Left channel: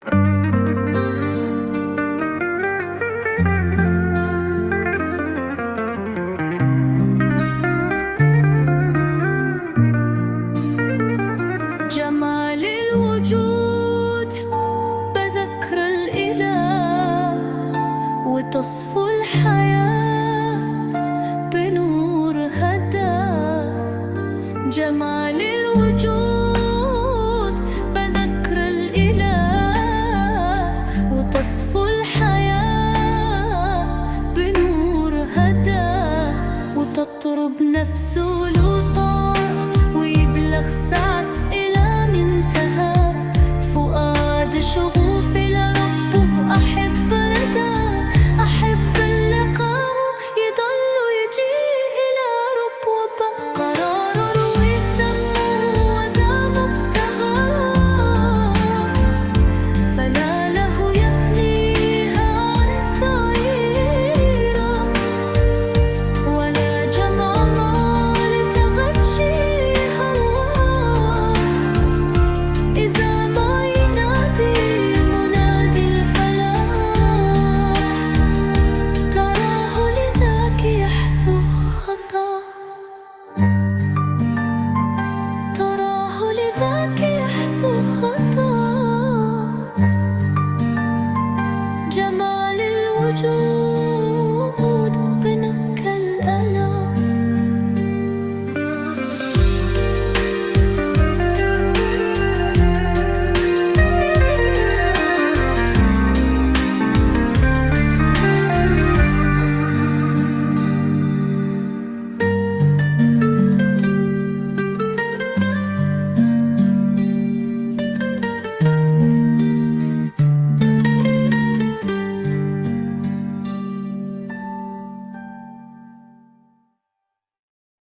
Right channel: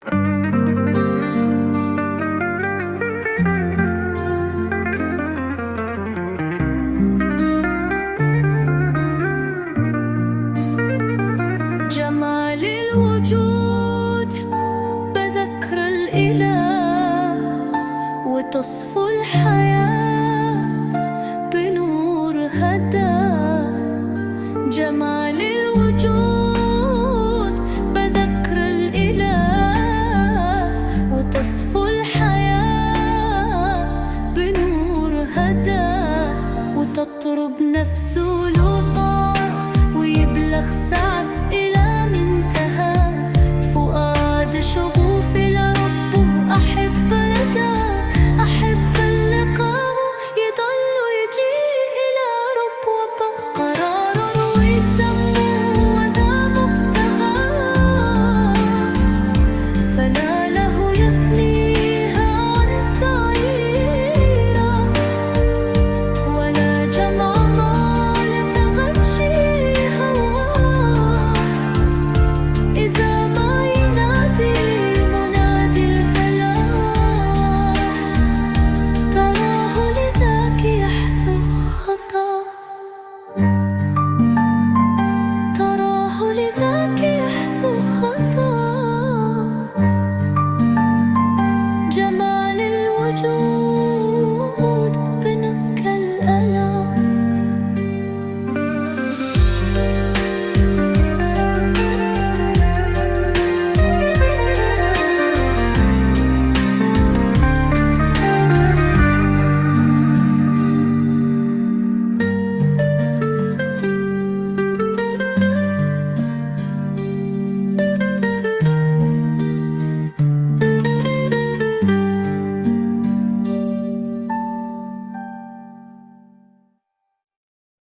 جمال الوجود بذكر الإله، وتصفو الحياة بنور هداه. جمال الوجود بذكر الإله، وتصفو الحياة بنور هداه. وتطرب نفسه لطاع، ويبلغ سعد إلى منتهى. فؤاد شغوف لربه أحب رداه، أحب اللقاء يضل يجي إلى رب وبا. قرار روي سموه وذا مبتغاه، فلا له يفنيها عن سعيرة، ولا جمع مال تغشي هواه. إذا ما ينادي منادي الفلاح، تراه لذاك يحثو خطاه، تراه لذاك يحثو خطاه. جمال الوجود